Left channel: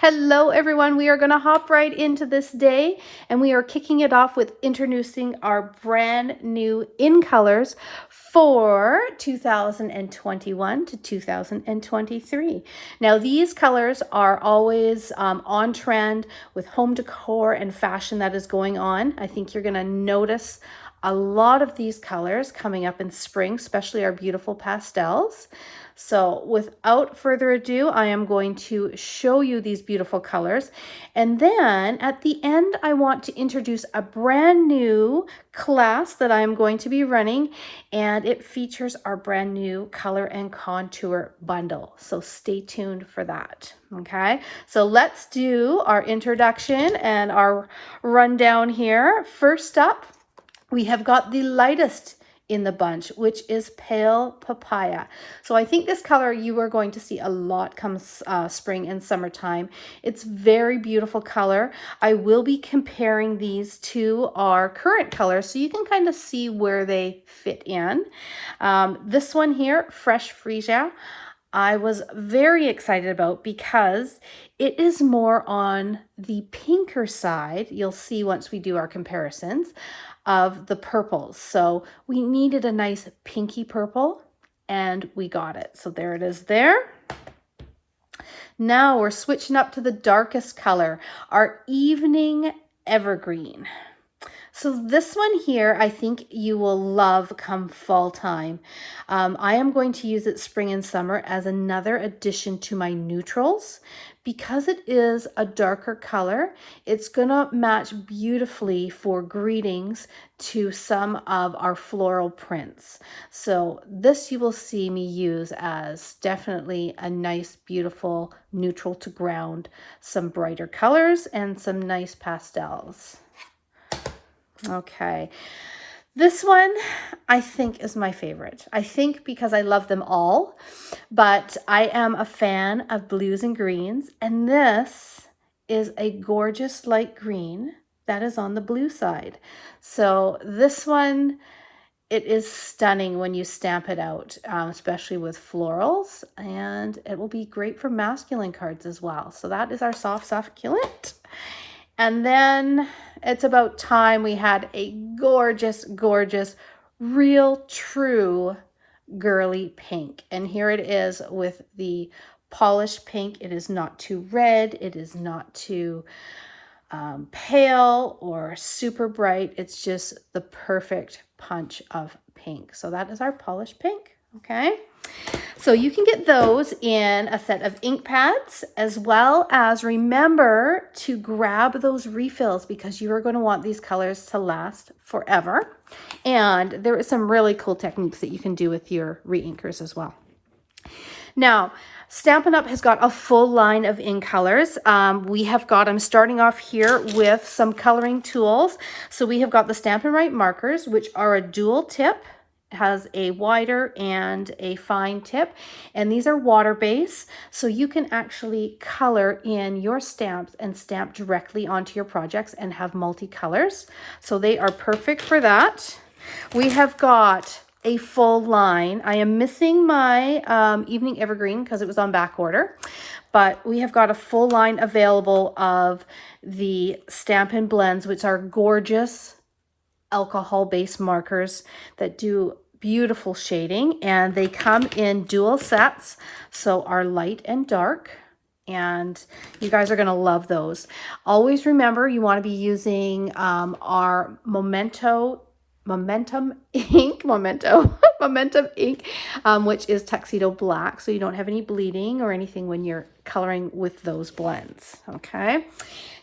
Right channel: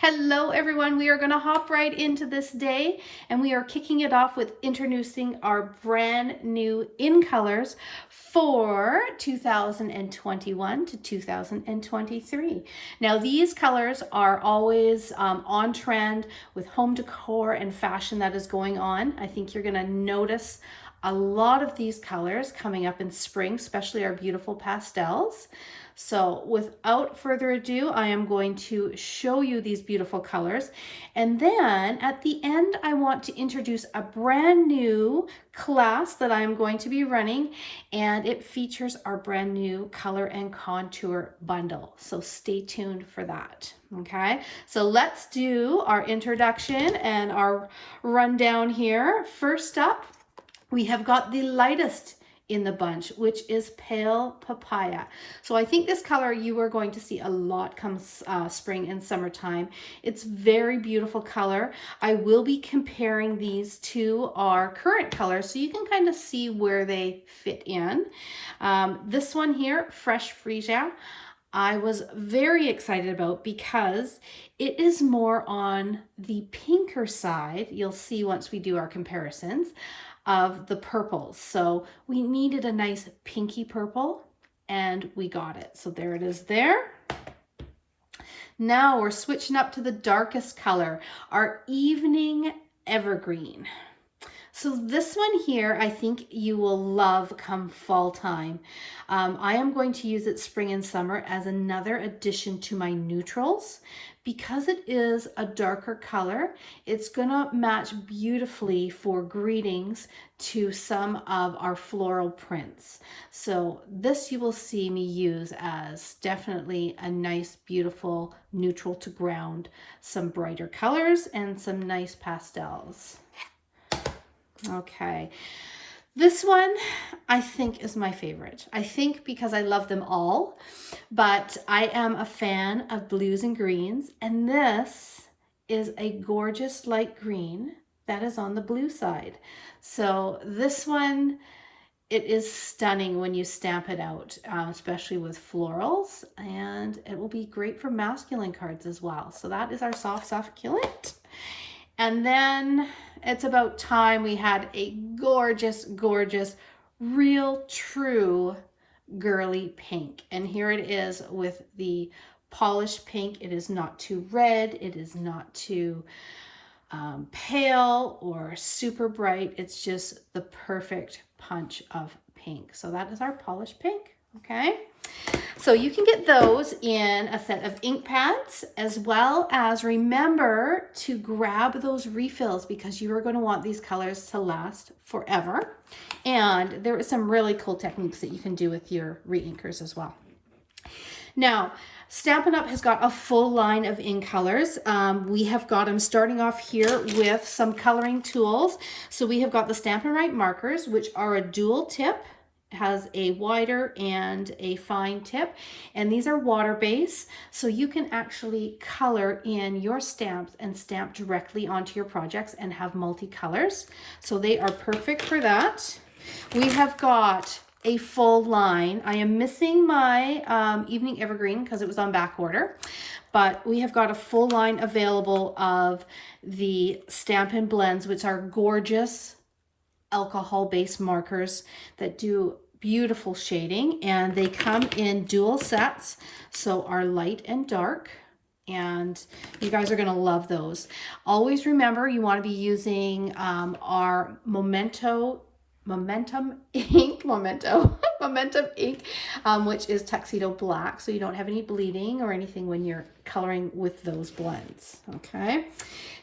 Hello everyone, we are going to hop right into this day and we are kicking it off with introducing our brand new in colors for 2021 to 2023. Now these colors are always on trend with home decor and fashion that is going on. I think you're going to notice a lot of these colors coming up in spring, especially our beautiful pastels. So without further ado, I am going to show you these beautiful colors. And then at the end, I want to introduce a brand new class that I am going to be running, and it features our brand new color and contour bundle. So stay tuned for that. Okay, so let's do our introduction and our rundown here. First up, we have got the lightest in the bunch, which is Pale Papaya. So I think this color you are going to see a lot come spring and summertime. It's very beautiful color. I will be comparing these to our current colors so you can kind of see where they fit in. This one here, Fresh Freesia, I was very excited about because it is more on the pinker side. You'll see once we do our comparisons of the purples. So we needed a nice pinky purple and we got it. So there it is there. Now we're switching up to the darkest color, our Evening Evergreen. So this one here, I think you will love come fall time. I am going to use it spring and summer as another addition to my neutrals. Because it is a darker color, it's gonna match beautifully for greetings to some of our floral prints. So this you will see me use as definitely a nice, beautiful neutral to ground, some brighter colors and some nice pastels. Okay, this one I think is my favorite. I think because I love them all, but I am a fan of blues and greens, and this is a gorgeous light green that is on the blue side. So this one, it is stunning when you stamp it out, especially with florals, and it will be great for masculine cards as well. So that is our soft succulent. And then it's about time we had a gorgeous, gorgeous, real true girly pink. And here it is with the polished pink. It is not too red. It is not too pale or super bright. It's just the perfect punch of pink. So that is our polished pink. Okay. So you can get those in a set of ink pads, as well as remember to grab those refills because you are going to want these colors to last forever. And there are some really cool techniques that you can do with your re-inkers as well. Now, Stampin' Up! Has got a full line of ink colors. I'm starting off here with some coloring tools. So we have got the Stampin' Right markers, which are a dual tip. Has a wider and a fine tip, and these are water-based, so you can actually color in your stamps and stamp directly onto your projects and have multicolors. So they are perfect for that. We have got a full line. I am missing my Evening Evergreen because it was on back order, but we have got a full line available of the Stampin' Blends, which are gorgeous alcohol-based markers that do beautiful shading, and they come in dual sets, so are light and dark, and you guys are going to love those. Always remember you want to be using our Momentum ink, Momentum ink, which is Tuxedo Black, so you don't have any bleeding or anything when you're coloring with those blends. Okay,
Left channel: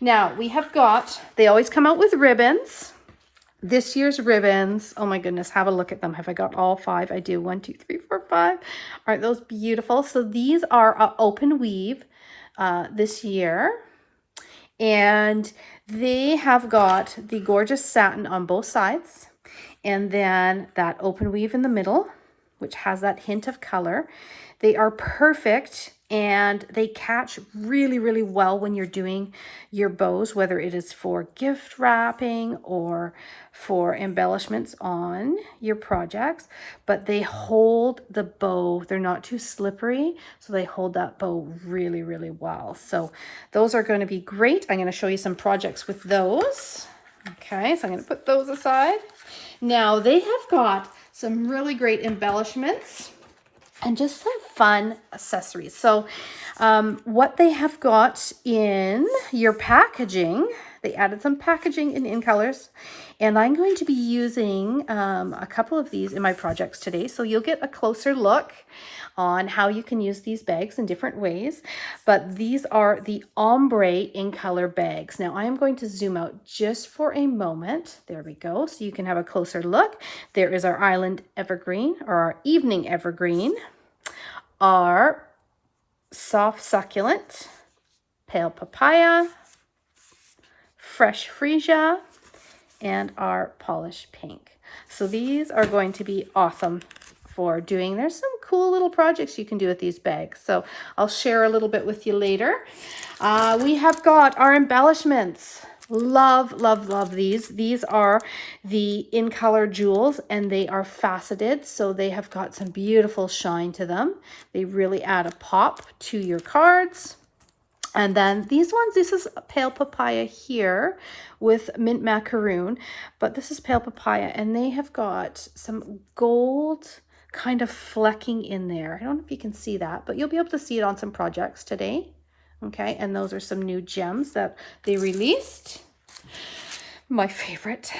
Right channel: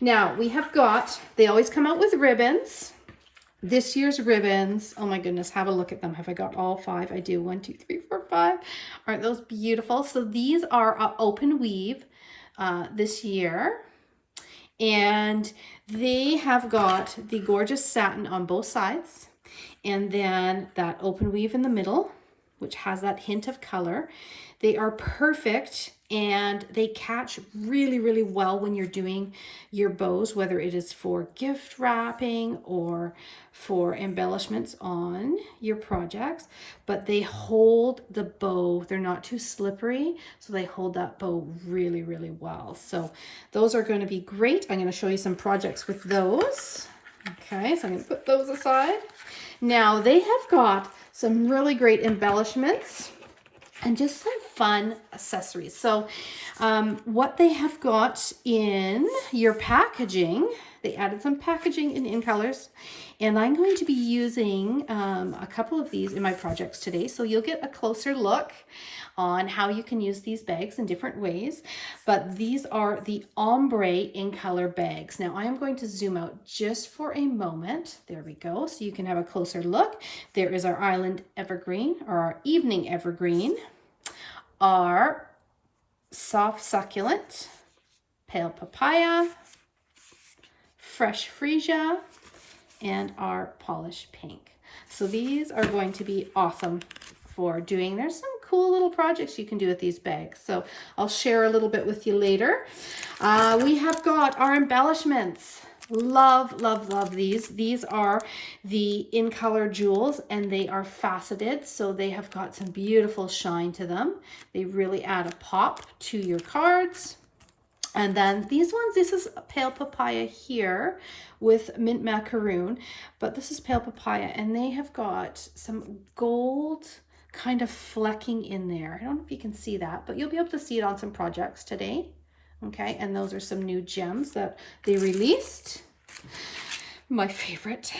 now we have got, they always come out with ribbons. This year's ribbons, oh my goodness, have a look at them. Have I got all 5? I do. 1, 2, 3, 4, 5. Aren't those beautiful? So these are open weave this year. And they have got the gorgeous satin on both sides. And then that open weave in the middle, which has that hint of color. They are perfect and they catch really, really well when you're doing your bows, whether it is for gift wrapping or for embellishments on your projects, but they hold the bow. They're not too slippery, so they hold that bow really, really well. So those are going to be great. I'm going to show you some projects with those. Okay, so I'm going to put those aside. Now they have got some really great embellishments and just some fun accessories. So what they have got in your packaging, they added some packaging in colors, and I'm going to be using a couple of these in my projects today. So you'll get a closer look on how you can use these bags in different ways. But these are the ombre in color bags. Now I am going to zoom out just for a moment. There we go. So you can have a closer look. There is our island evergreen, or our evening evergreen, our soft succulent, pale papaya, fresh freesia, and our polished pink. So these are going to be awesome for doing. There's some cool little projects you can do with these bags. So I'll share a little bit with you later. We have got our embellishments. Love, love, love these. These are the In Color jewels, and they are faceted, so they have got some beautiful shine to them. They really add a pop to your cards. And then these ones, this is pale papaya here with mint macaroon, but this is pale papaya, and they have got some gold kind of flecking in there. I don't know if you can see that, but you'll be able to see it on some projects today. Okay, and those are some new gems that they released. My favorite.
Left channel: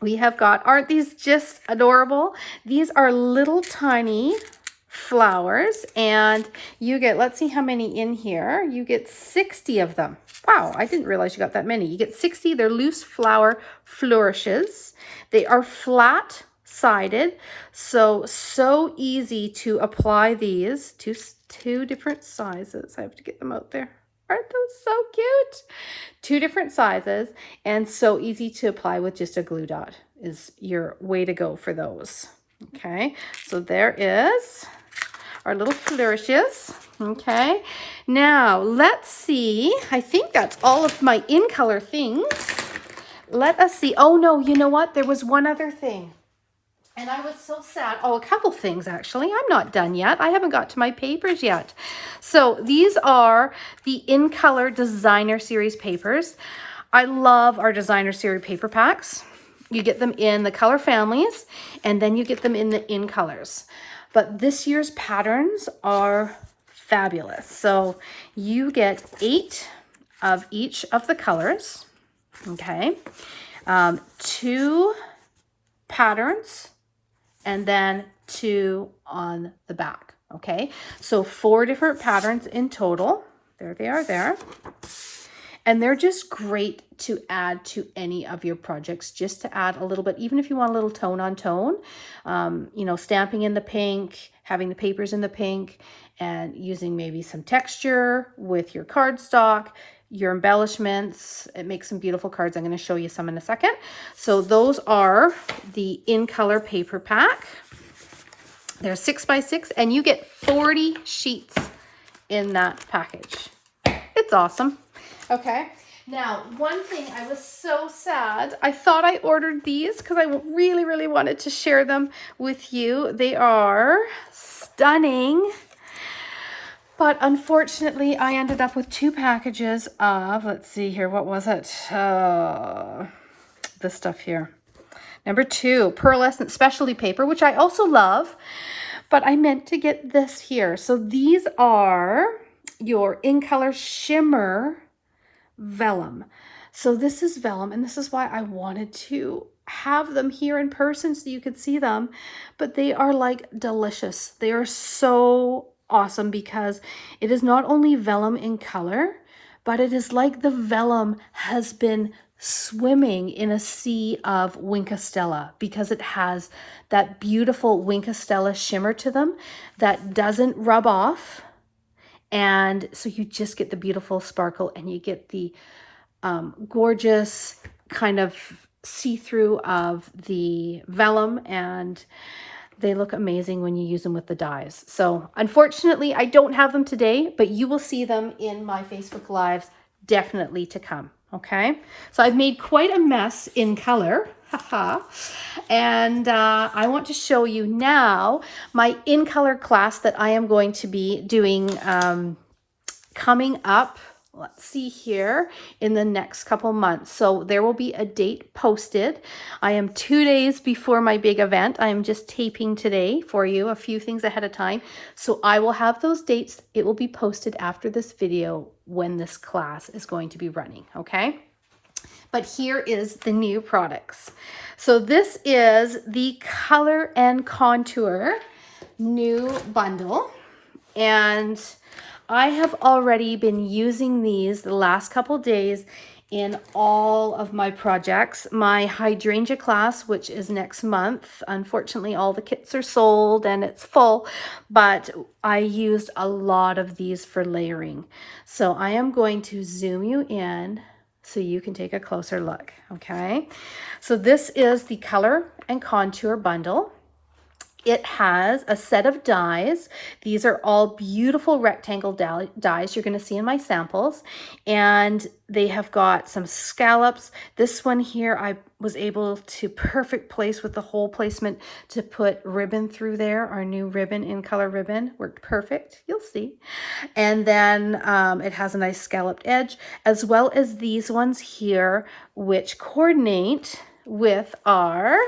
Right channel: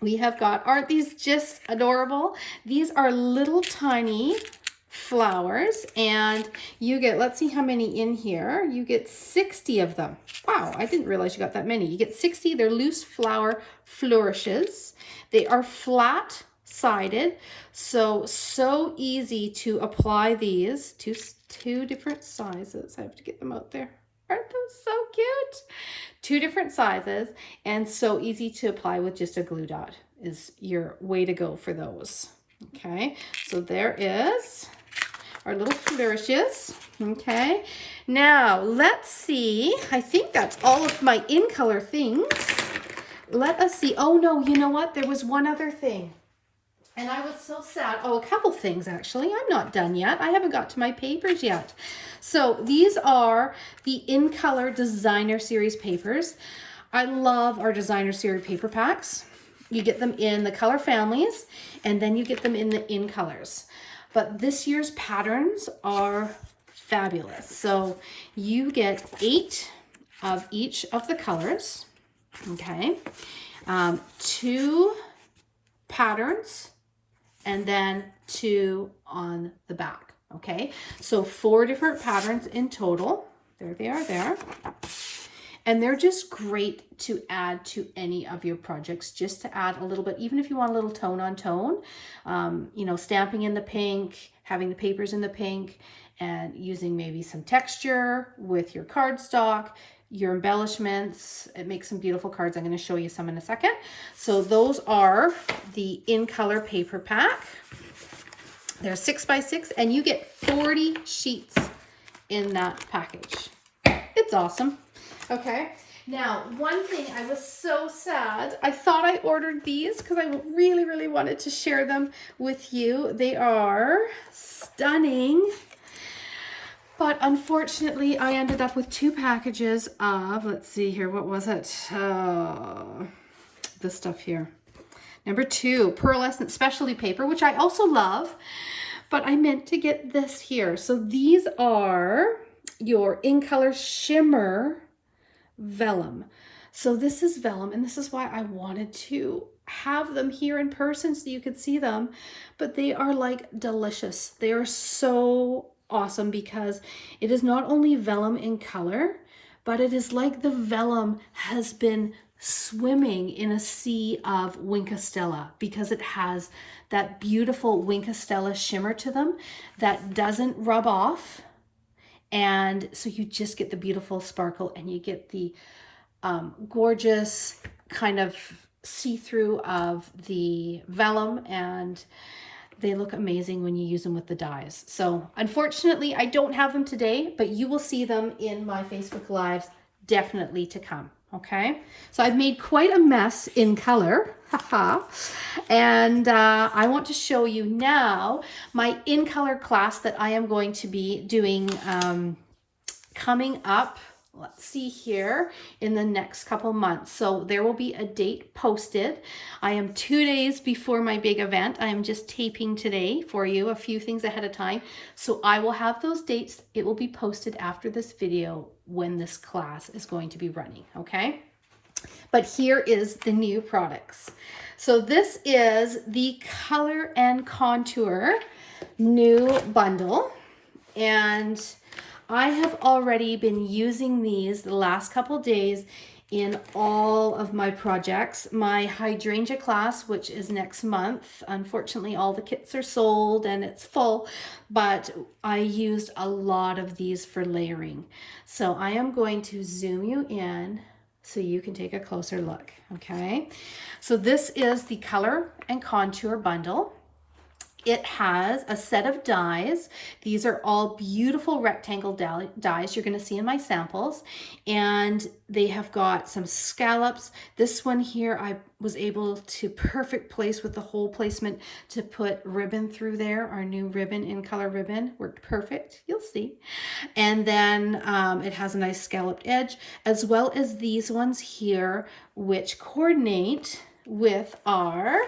We have got, aren't these just adorable? These are little tiny flowers, and you get, let's see how many in here. You get 60 of them. Wow, I didn't realize you got that many. You get 60. They're loose flower flourishes. They are flat sided, so easy to apply these to two different sizes. I have to get them out there. Aren't those so cute? Two different sizes, and so easy to apply with just a glue dot is your way to go for those. Okay, so there is our little flourishes. Okay, now let's see. I think that's all of my In Color things. Let us see. Oh no, you know what? There was one other thing. And I was so sad. Oh, a couple things actually. I'm not done yet. I haven't got to my papers yet. So these are the In Color Designer Series papers. I love our Designer Series paper packs. You get them in the color families, and then you get them in the In Colors. But this year's patterns are fabulous. So you get 8 of each of the colors. Okay. 2 patterns, and then 2 on the back. Okay, so 4 different patterns in total. There they are there. And they're just great to add to any of your projects, just to add a little bit, even if you want a little tone on tone, you know, stamping in the pink, having the papers in the pink, and using maybe some texture with your cardstock, your embellishments. It makes some beautiful cards. I'm going to show you some in a second. So those are the In Color paper pack. They're 6x6, and you get 40 sheets in that package. It's awesome. Okay, now one thing, I was so sad. I thought I ordered these because I really, really wanted to share them with you. They are stunning. But unfortunately, I ended up with 2 packages of, let's see here, what was it? This stuff here. Number 2, pearlescent specialty paper, which I also love, but I meant to get this here. So these are your In Color Shimmer vellum. So this is vellum, and this is why I wanted to have them here in person so you could see them, but they are like delicious. They are so awesome because it is not only vellum in color, but it is like the vellum has been swimming in a sea of Wink of Stella, because it has that beautiful Wink of Stella shimmer to them that doesn't rub off. And so you just get the beautiful sparkle, and you get the gorgeous kind of see-through of the vellum, and they look amazing when you use them with the dies. So unfortunately, I don't have them today, but you will see them in my Facebook Lives definitely to come. Okay, so I've made quite a mess in color, haha, and I want to show you now my in color class that I am going to be doing coming up. Let's see here, in the next couple months. So there will be a date posted. I am 2 days before my big event. I am just taping today for you, a few things ahead of time. So I will have those dates. It will be posted after this video when this class is going to be running, okay? But here is the new products. So this is the Color and Contour new bundle, and I have already been using these the last couple days in all of my projects. My hydrangea class, which is next month, unfortunately all the kits are sold and it's full, but I used a lot of these for layering. So I am going to zoom you in so you can take a closer look, okay? So this is the Color and Contour bundle. It has a set of dies. These are all beautiful rectangle dies you're going to see in my samples. And they have got some scallops. This one here, I was able to perfect place with the hole placement to put ribbon through there. Our new ribbon, in color ribbon, worked perfect. You'll see. And then it has a nice scalloped edge, as well as these ones here, which coordinate with our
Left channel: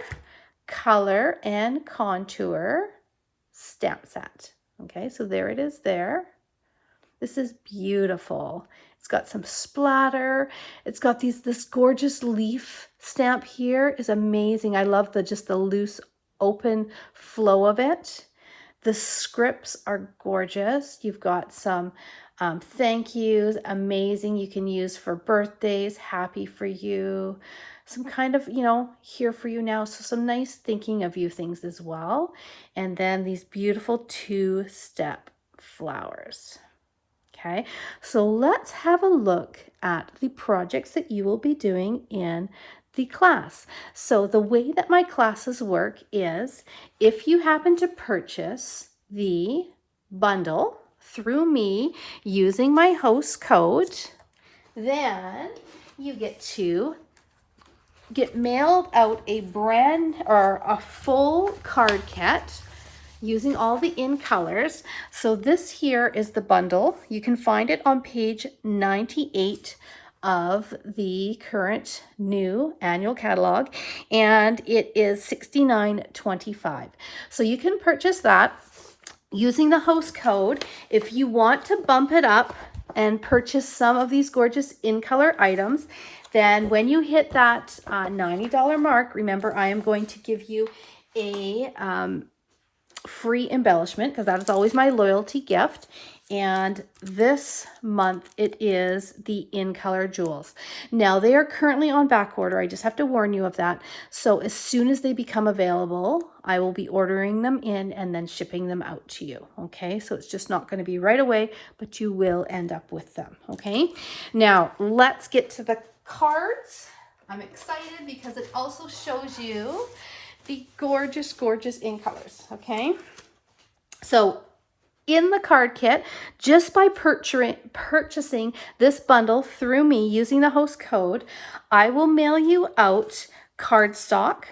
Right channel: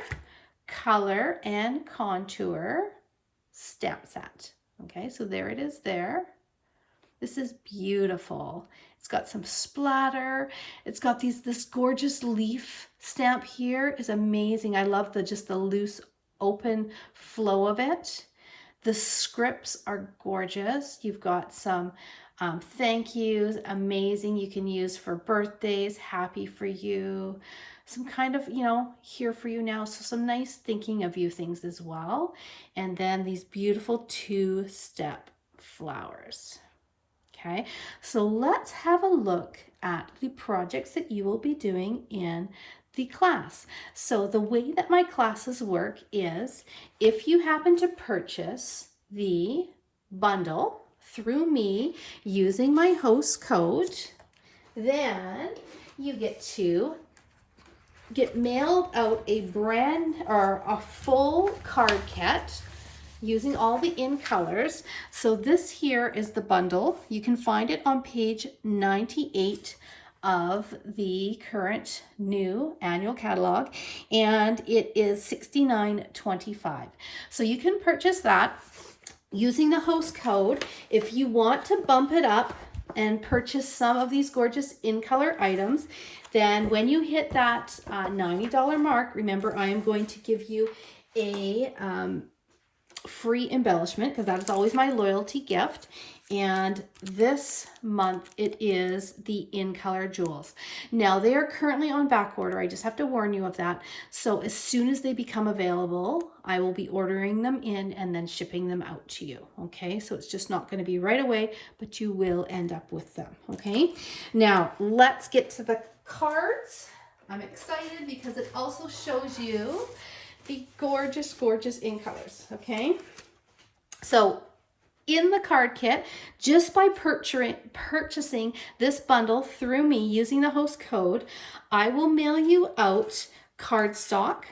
Color and Contour stamp set. Okay, so there it is there. This is beautiful. It's got some splatter. It's got this gorgeous leaf stamp here is amazing. I love just the loose open flow of it. The scripts are gorgeous. You've got some thank yous, amazing. You can use for birthdays, happy for you, some kind of, here for you now. So some nice thinking of you things as well. And then these beautiful 2-step flowers. Okay, so let's have a look at the projects that you will be doing in the class. So the way that my classes work is, if you happen to purchase the bundle through me using my host code, then you get mailed out a full card kit using all the in colors. So this here is the bundle. You can find it on page 98 of the current new annual catalog, and it is $69.25. So you can purchase that using the host code. If you want to bump it up and purchase some of these gorgeous in color items, then when you hit that $90 mark, remember I am going to give you a free embellishment, because that is always my loyalty gift. And this month it is the in color jewels. Now they are currently on back order. I just have to warn you of that. So as soon as they become available, I will be ordering them in and then shipping them out to you. Okay, so it's just not going to be right away, but you will end up with them. Okay, now let's get to the cards. I'm excited because it also shows you the gorgeous, gorgeous in colors. Okay, so in the card kit, just by purchasing this bundle through me using the host code, I will mail you out cardstock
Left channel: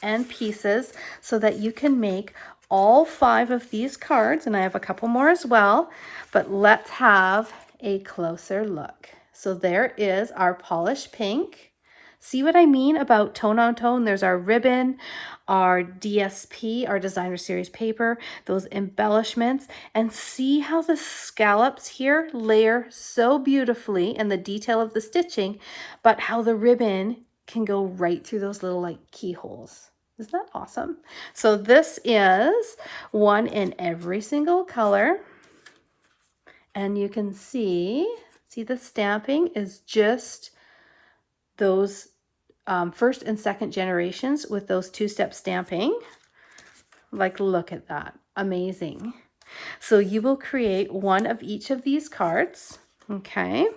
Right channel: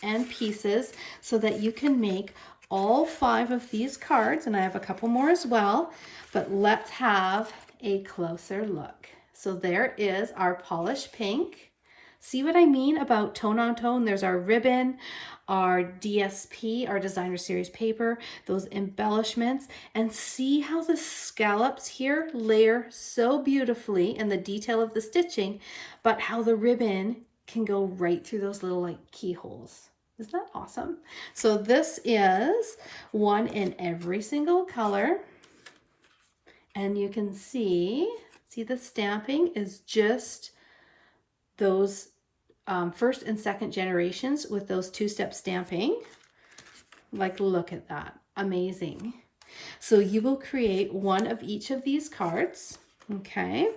and pieces so that you can make all 5 of these cards, and I have a couple more as well, but let's have a closer look. So there is our polished pink. See what I mean about tone on tone? There's our ribbon, our DSP, our designer series paper, those embellishments, and see how the scallops here layer so beautifully in the detail of the stitching, but how the ribbon can go right through those little like keyholes. Isn't that awesome? So this is one in every single color, and you can see the stamping is just those first and second generations with those 2-step stamping. Like, look at that. Amazing. So you will create one of each of these cards. Okay.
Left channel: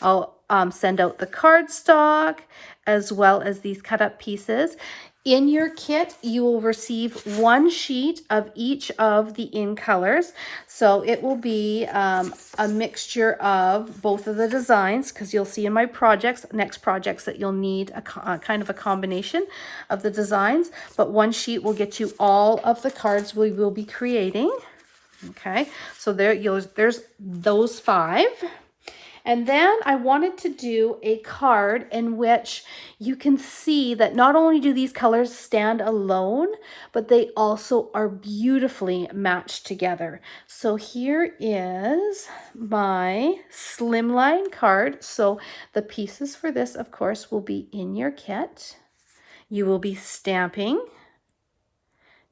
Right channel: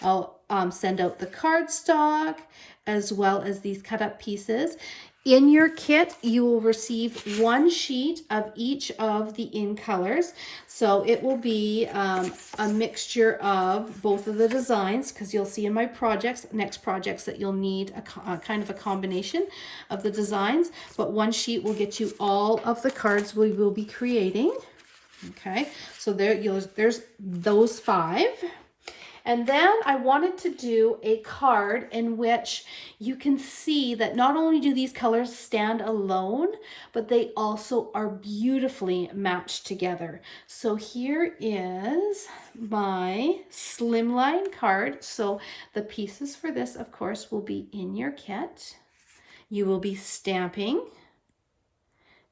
I'll send out the cardstock as well as these cut up pieces. In your kit, you will receive one sheet of each of the in colors. So it will be a mixture of both of the designs, because you'll see in my next projects that you'll need a kind of a combination of the designs. But one sheet will get you all of the cards we will be creating. Okay, so there's those 5. And then I wanted to do a card in which you can see that not only do these colors stand alone, but they also are beautifully matched together. So here is my slimline card. So the pieces for this, of course, will be in your kit. You will be stamping.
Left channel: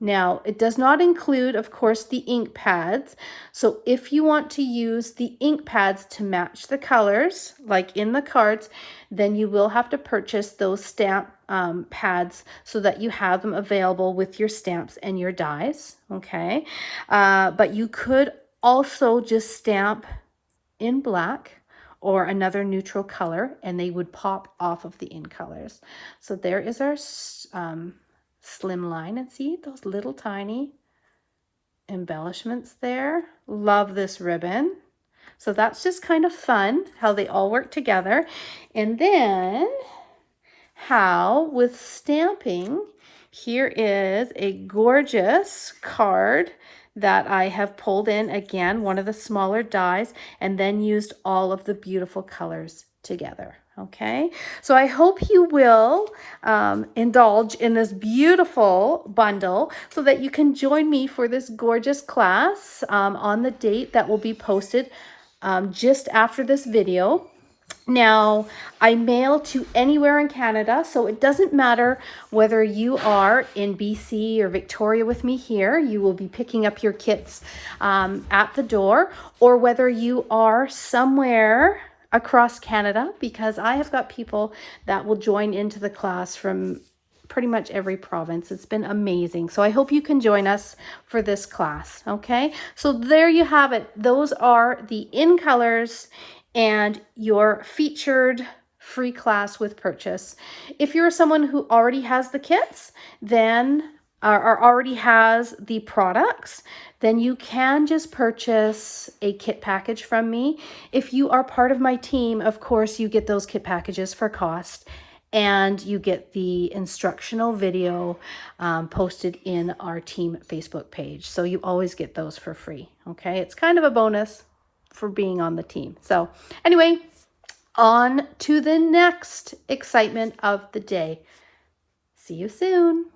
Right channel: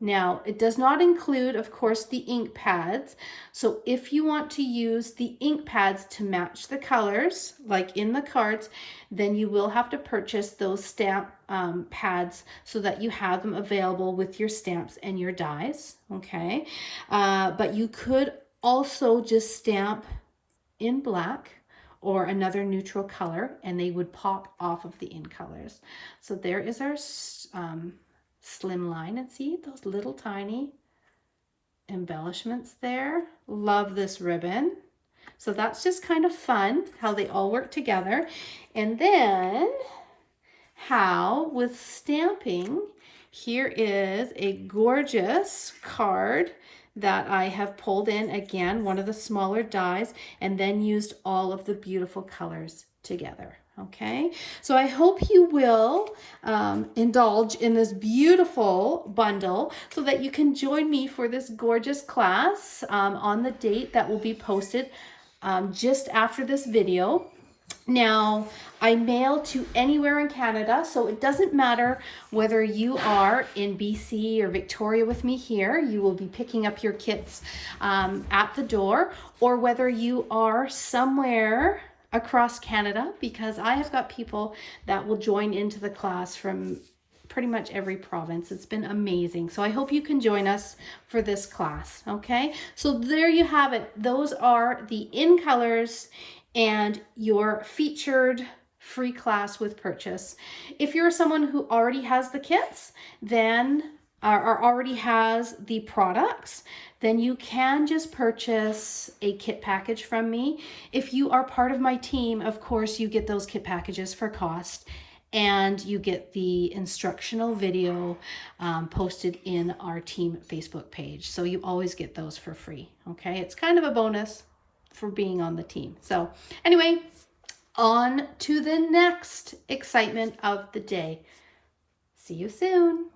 Now, it does not include, of course, the ink pads. So if you want to use the ink pads to match the colors, like in the cards, then you will have to purchase those stamp pads so that you have them available with your stamps and your dies, okay? But you could also just stamp in black or another neutral color, and they would pop off of the in colors. So there is our slim line, and see those little tiny embellishments there. Love this ribbon. So that's just kind of fun how they all work together. And then how with stamping, here is a gorgeous card that I have pulled in, again, one of the smaller dies, and then used all of the beautiful colors together. Okay, so I hope you will indulge in this beautiful bundle so that you can join me for this gorgeous class on the date that will be posted just after this video. Now, I mail to anywhere in Canada, so it doesn't matter whether you are in BC or Victoria with me here. You will be picking up your kits at the door, or whether you are somewhere across Canada, because I have got people that will join into the class from pretty much every province. It's been amazing. So I hope you can join us for this class, okay? So there you have it. Those are the in colors and your featured free class with purchase. If you're someone who already has the kits, then or already has the products, then you can just purchase a kit package from me. If you are part of my team, of course, you get those kit packages for cost, and you get the instructional video posted in our team Facebook page. So you always get those for free, okay? It's kind of a bonus for being on the team. So anyway, on to the next excitement of the day. See you soon.